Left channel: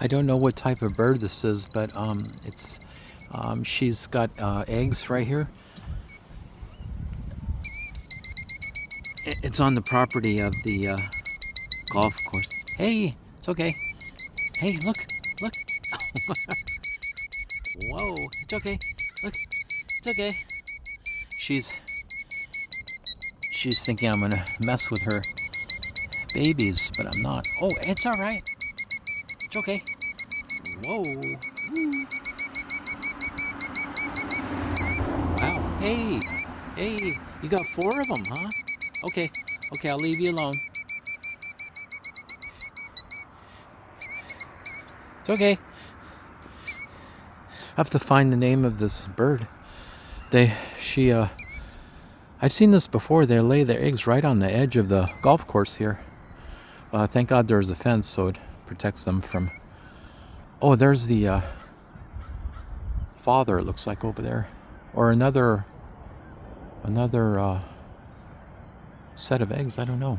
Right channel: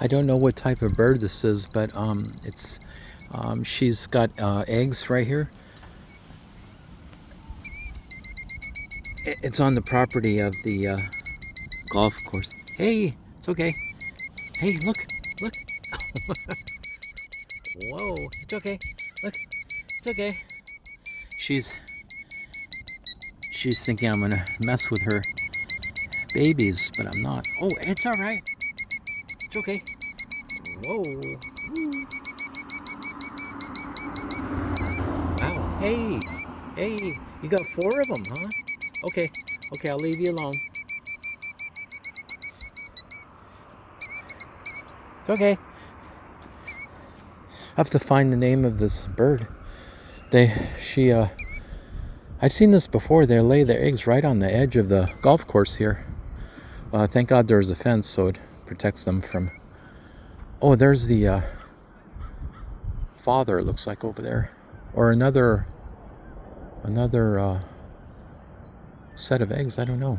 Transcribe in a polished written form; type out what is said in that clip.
I don't know what type of bird this is, but it's she's got eggs right here. It's on the property of the golf course. Hey, it's okay. Hey, look, look. Whoa, it's okay. Look, it's okay. She's she's thinking I'm gonna mess with her babies, but I'm not. Oh, it's all right. It's okay. Whoa. Wow. Hey, hey, you got four of them, huh? Okay, okay, I'll leave you alone. It's okay. I have to find the name of this bird. She, I've seen this before. They lay their eggs right on the edge of the golf course here. Thank God there's a fence so it protects them from. Oh, there's the father. It looks like over there, or another set of eggs. I don't know.